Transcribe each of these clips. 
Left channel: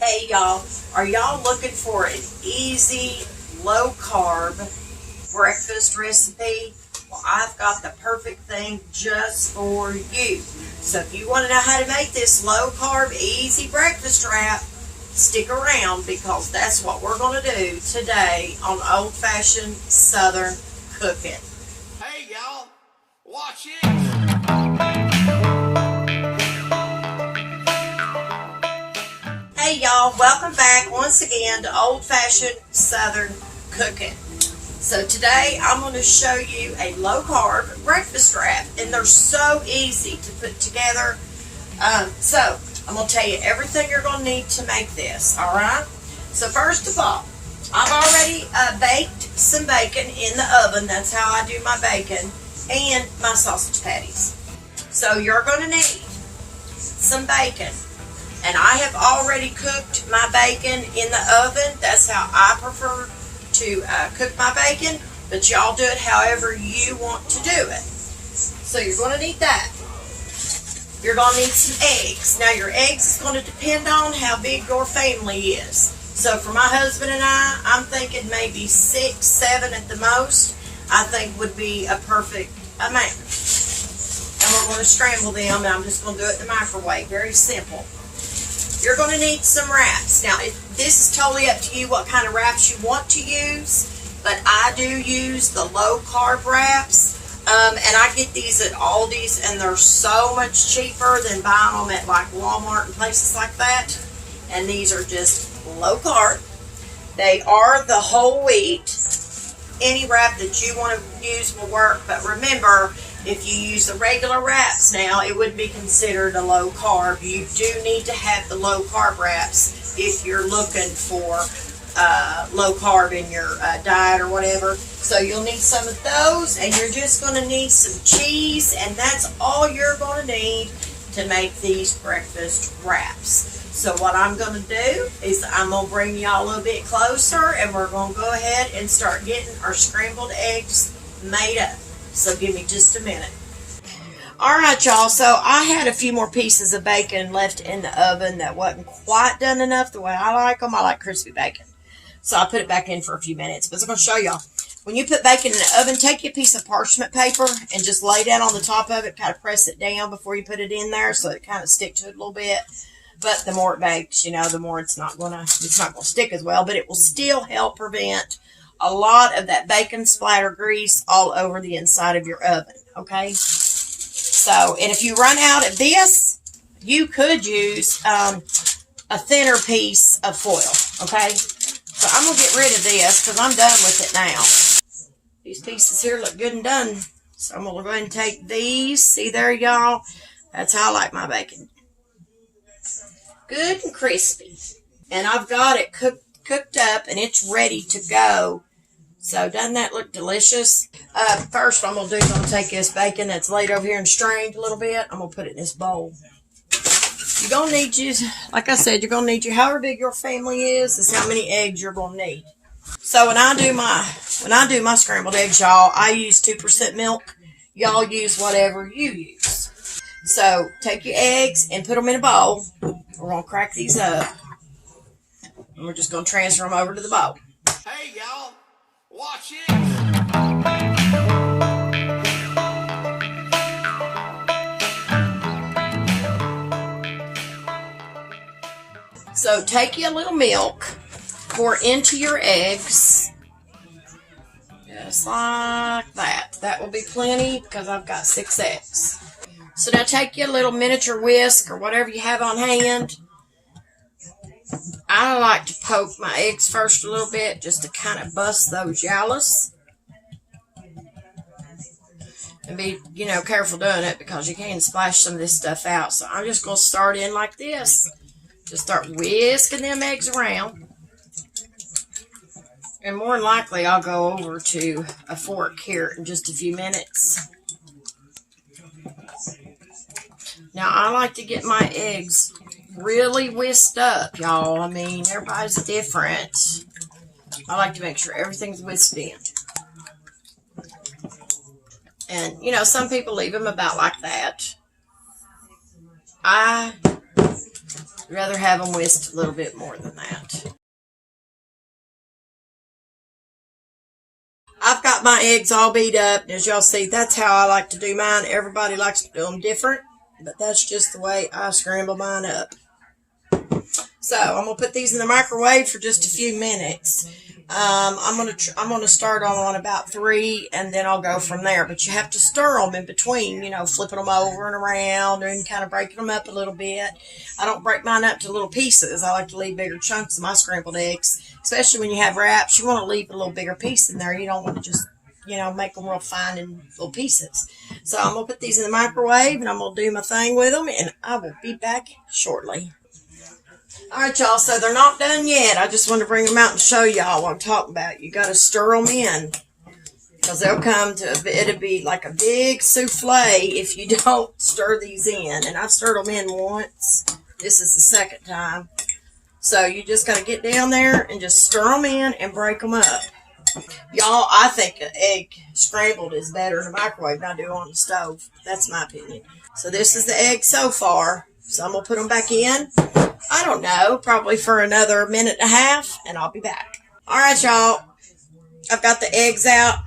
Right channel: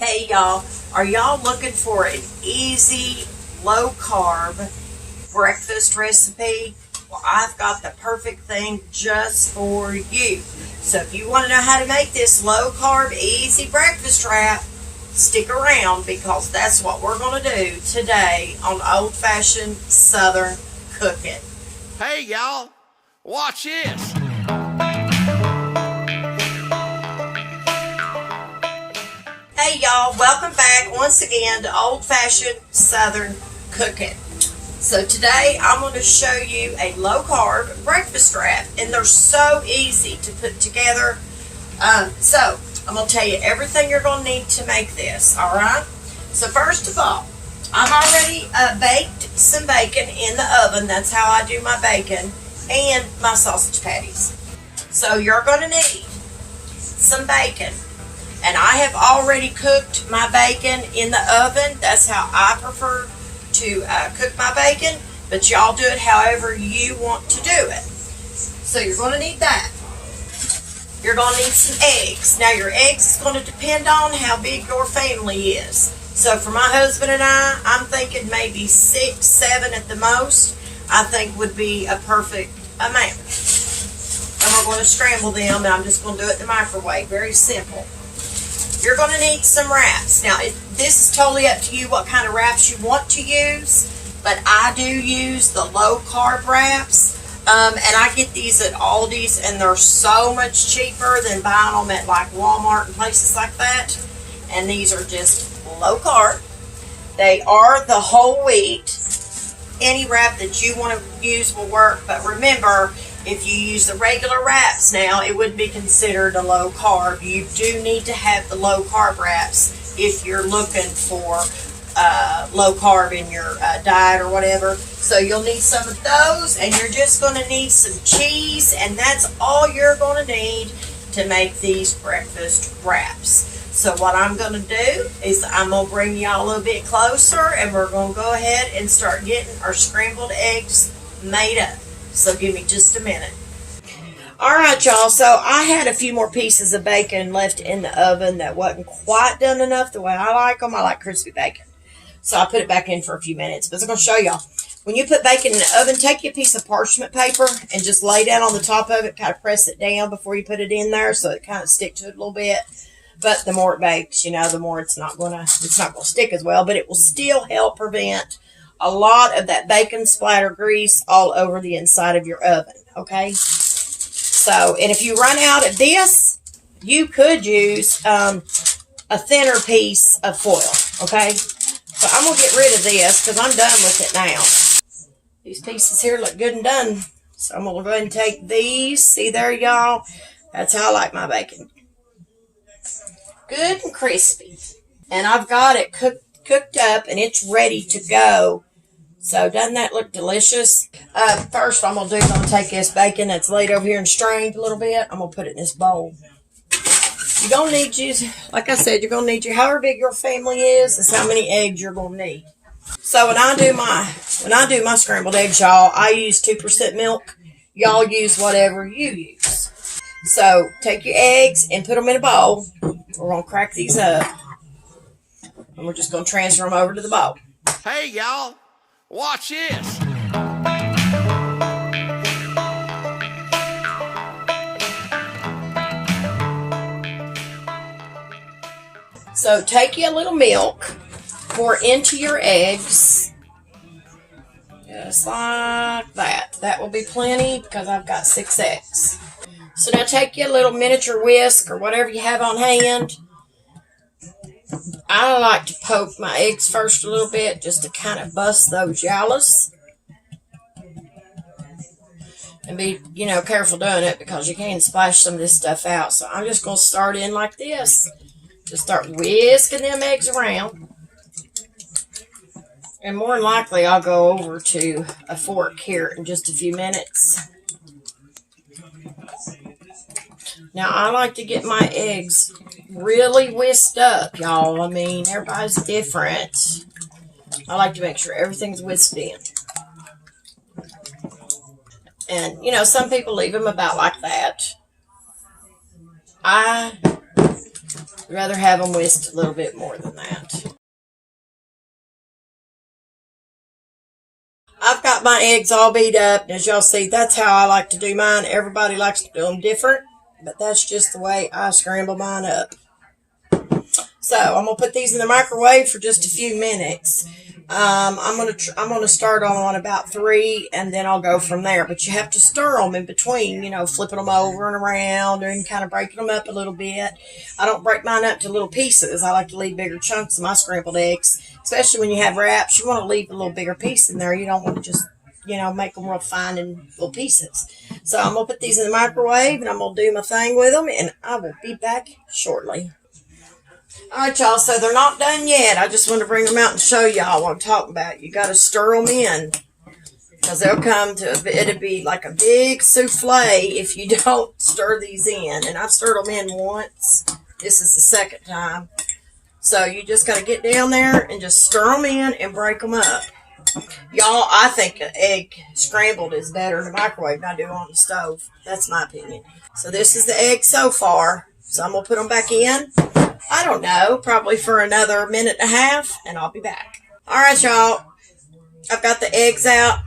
Hey y'all, are y'all looking for an easy, low carb breakfast recipe? Well, I've got the perfect thing just for you. So if you want to know how to make this low carb, easy breakfast wrap, stick around because that's what we're going to do today on Old Fashioned Southern Cooking. Hey y'all, watch this. Hey y'all, welcome back once again to Old Fashioned Southern Cooking. So today I'm going to show you a low carb breakfast wrap, and they're so easy to put together. So I'm going to tell you everything you're going to need to make this, alright? So first of all, I've already baked some bacon in the oven. That's how I do my bacon and my sausage patties. So you're going to need some bacon. And I have already cooked my bacon in the oven. That's how I prefer to cook my bacon. But y'all do it however you want to do it. So you're going to need that. You're going to need some eggs. Now your eggs is going to depend on how big your family is. So for my husband and I'm thinking maybe 6, 7 at the most, I think would be a perfect amount. And we're going to scramble them, and I'm just going to do it in the microwave. Very simple. You're going to need some wraps. Now, this is totally up to you what kind of wraps you want to use, but I do use the low-carb wraps, and I get these at Aldi's, and they're so much cheaper than buying them at, like, Walmart and places like that, and these are just low-carb. They are the whole wheat. Any wrap that you want to use will work, but remember, if you use the regular wraps now, it wouldn't be considered a low carb. You do need to have the low carb wraps if you're looking for low carb in your diet or whatever. So you'll need some of those, and you're just going to need some cheese, and that's all you're going to need to make these breakfast wraps. So what I'm going to do is I'm going to bring y'all a little bit closer, and we're going to go ahead and start getting our scrambled eggs made up. So give me just a minute. Alright y'all, so I had a few more pieces of bacon left in the oven that wasn't quite done enough the way I like them. I like crispy bacon. So I put it back in for a few minutes. But I'm going to show y'all. When you put bacon in the oven, take your piece of parchment paper and just lay down on the top of it. Kind of press it down before you put it in there so it kind of sticks to it a little bit. But the more it bakes, you know, the more it's not going to stick as well. But it will still help prevent a lot of that bacon splatter grease all over the inside of your oven, okay? So, and if you run out of this, you could use a thinner piece of foil, okay? So I'm going to get rid of this because I'm done with it now. These pieces here look good and done. So I'm going to go ahead and take these. See there, y'all? That's how I like my bacon. Good and crispy. And I've got it cooked up and it's ready to go. So doesn't that look delicious? First I'm going to do is I'm going to take this bacon that's laid over here and strained a little bit. I'm going to put it in this bowl. You're going to need like I said, you're going to need however big your family is how many eggs you're going to need. So when I do my scrambled eggs, y'all, I use 2% milk. Y'all use whatever you use. So take your eggs and put them in a bowl. We're going to crack these up. And we're just going to transfer them over to the bowl. Hey y'all, watch this. So take you a little milk, pour into your eggs, just like that. That will be plenty because I've got 6 eggs. So now take you a little miniature whisk or whatever you have on hand. I like to poke my eggs first a little bit just to kind of bust those yellows. And be, careful doing it because you can splash some of this stuff out. So I'm just going to start in like this. Just start whisking them eggs around. And more than likely I'll go over to a fork here in just a few minutes. Now I like to get my eggs really whisked up, y'all. I mean, everybody's different. I like to make sure everything's whisked in. And, some people leave them about like that. I I'd rather have them whisked a little bit more than that. I've got my eggs all beat up, and as y'all see, that's how I like to do mine. Everybody likes to do them different, but that's just the way I scramble mine up. So I'm gonna put these in the microwave for just a few minutes. I'm gonna start on about 3, and then I'll go from there. But you have to stir them in between, flipping them over and around and kind of breaking them up a little bit. I don't break mine up to little pieces. I like to leave bigger chunks of my scrambled eggs, especially when you have wraps. You want to leave a little bigger piece in there. You don't want to just make them real fine in little pieces. So I'm gonna put these in the microwave, and I'm gonna do my thing with them, and I will be back shortly. Alright, y'all, so they're not done yet. I just want to bring them out and show y'all what I'm talking about. You got to stir them in, because they'll come to, it'll be like a big souffle if you don't stir these in. And I've stirred them in once. This is the second time. So you just got to get down there and just stir them in and break them up. Y'all, I think an egg scrambled is better in the microwave than I do on the stove. That's my opinion. So this is the egg so far. So I'm going to put them back in. I don't know, probably for another minute and a half, and I'll be back. Alright, y'all. I've got the eggs out.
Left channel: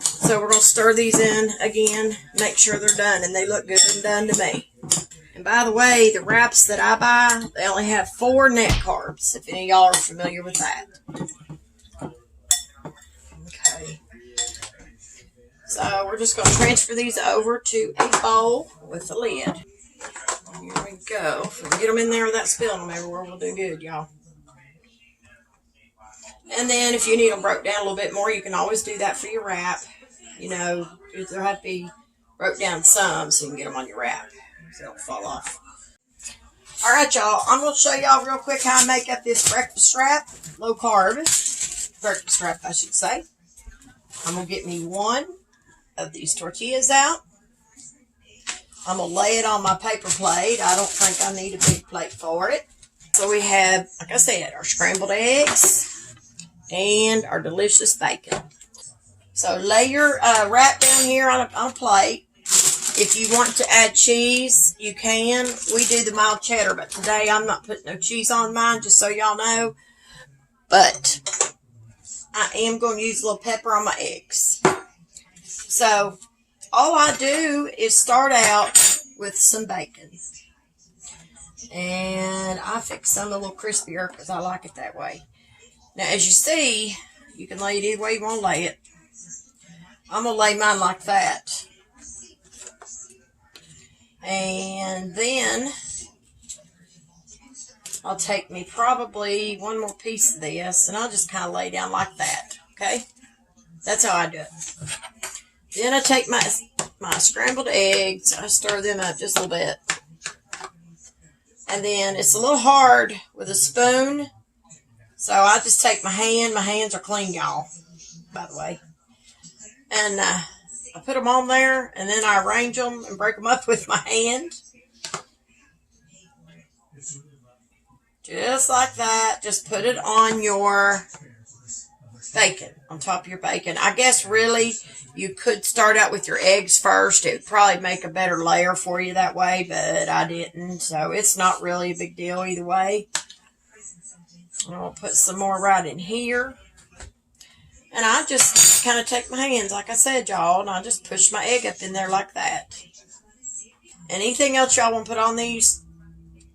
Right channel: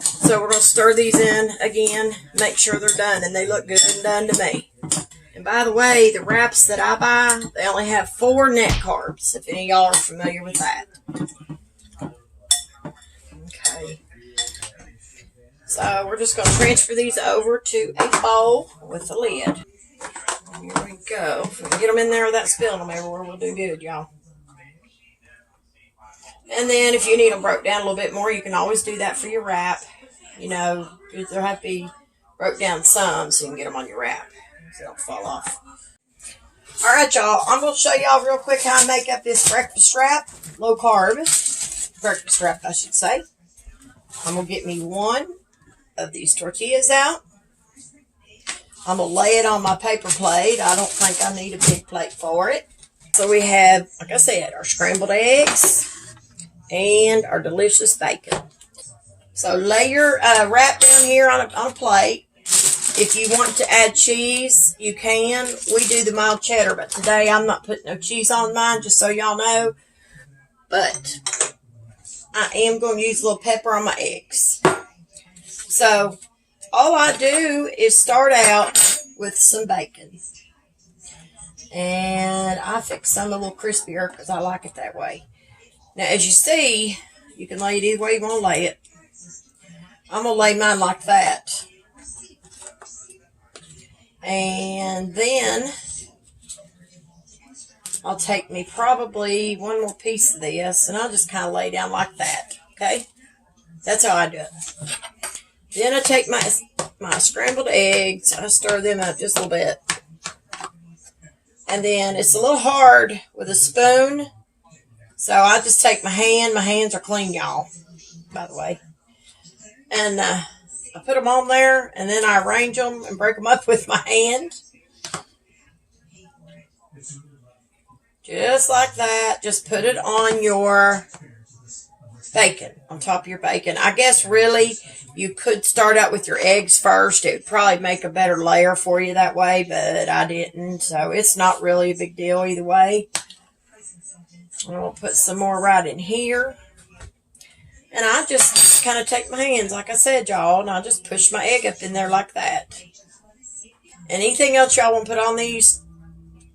So we're going to stir these in again, make sure they're done, and they look good and done to me. And by the way, the wraps that I buy, they only have 4 net carbs, if any of y'all are familiar with that. Okay. So we're just going to transfer these over to a bowl with a lid. Here we go. If we can get them in there without spilling them everywhere, we'll do good, y'all. And then if you need them broke down a little bit more, you can always do that for your wrap. They'll have to be broke down some so you can get them on your wrap so they don't fall off. Alright, y'all. I'm going to show y'all real quick how I make up this breakfast wrap. Low carb. Breakfast wrap, I should say. I'm going to get me 1 of these tortillas out. I'm going to lay it on my paper plate. I don't think I need a big plate for it. So we have, like I said, our scrambled eggs and our delicious bacon. So lay your wrap down here on a plate. If you want to add cheese, you can. We do the mild cheddar, but today I'm not putting no cheese on mine, just so y'all know. But I am going to use a little pepper on my eggs. So all I do is start out with some bacon. And I fix some a little crispier because I like it that way. Now, as you see, you can lay it either way you want to lay it. I'm going to lay mine like that. And then I'll take me probably 1 more piece of this, and I'll just kind of lay down like that. Okay? That's how I do it. Then I take my scrambled eggs. I stir them up just a little bit. And then it's a little hard with a spoon. So I just take my hand. My hands are clean, y'all, by the way. And I put them on there. And then I arrange them and break them up with my hand. Just like that. Just put it on your bacon, on top of your bacon. I guess really you could start out with your eggs first. It would probably make a better layer for you that way, but I didn't. So it's not really a big deal either way. I'm going to put some more right in here. And I just kind of take my hands, like I said, y'all, and I just push my egg up in there like that. Anything else y'all want to put on these?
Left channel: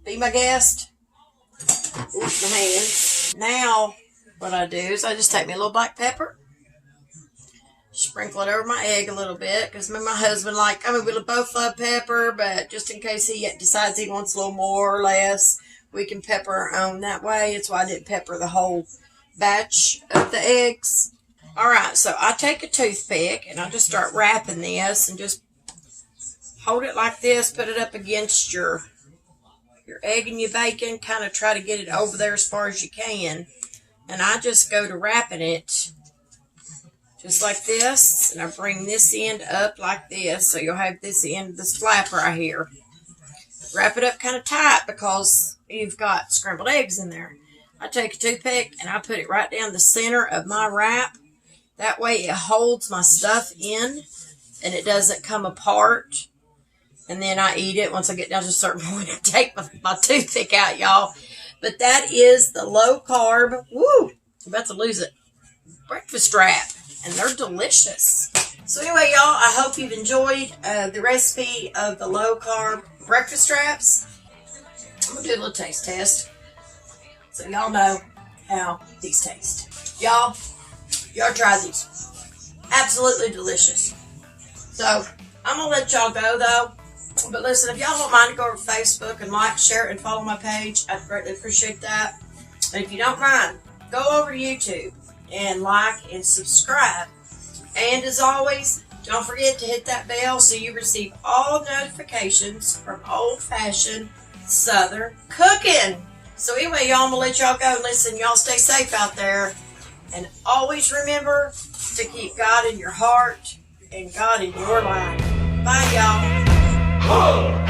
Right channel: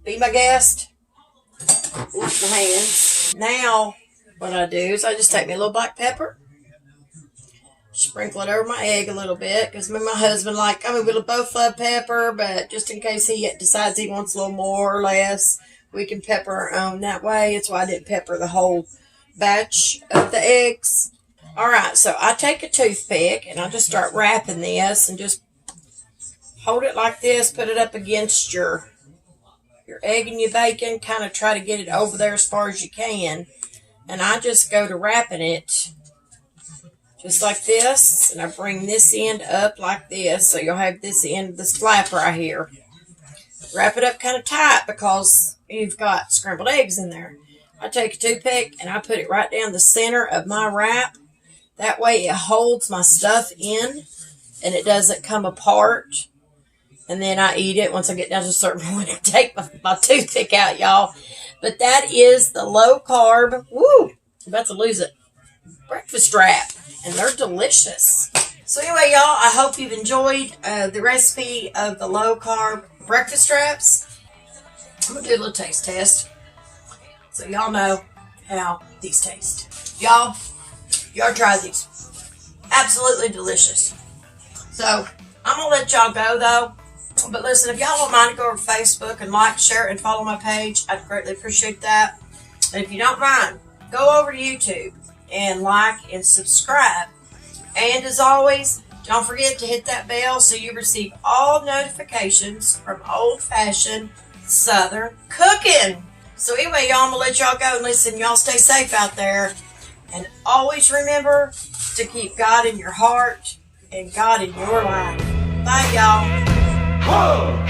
Be my guest. Oops, my hands. Now, what I do is I just take me a little black pepper, sprinkle it over my egg a little bit, because me and my husband we both love pepper, but just in case he decides he wants a little more or less, we can pepper our own that way. It's why I didn't pepper the whole batch of the eggs. Alright, so I take a toothpick and I just start wrapping this and just hold it like this, put it up against your egg and your bacon, kind of try to get it over there as far as you can. And I just go to wrapping it just like this, and I bring this end up like this, so you'll have this end of this flap right here. Wrap it up kind of tight because you've got scrambled eggs in there. I take a toothpick and I put it right down the center of my wrap. That way it holds my stuff in and it doesn't come apart. and then I eat it. Once I get down to a certain point, I take my toothpick out, y'all. But that is the low carb, I'm about to lose it, breakfast wrap, and they're delicious. So anyway, y'all, I hope you've enjoyed the recipe of the low carb breakfast wraps. I'm going to do a little taste test so y'all know how these taste. Y'all try these. Absolutely delicious. So I'm going to let y'all go though. But listen, if y'all don't mind, go over to Facebook and like, share, and follow my page. I'd greatly appreciate that. And if you don't mind, go over to YouTube and like and subscribe. And as always, don't forget to hit that bell so you receive all notifications from old-fashioned Southern cooking. So anyway, y'all, I'm going to let y'all go. And listen, y'all stay safe out there. And always remember to keep God in your heart and God in your life. Bye, y'all. Whoa.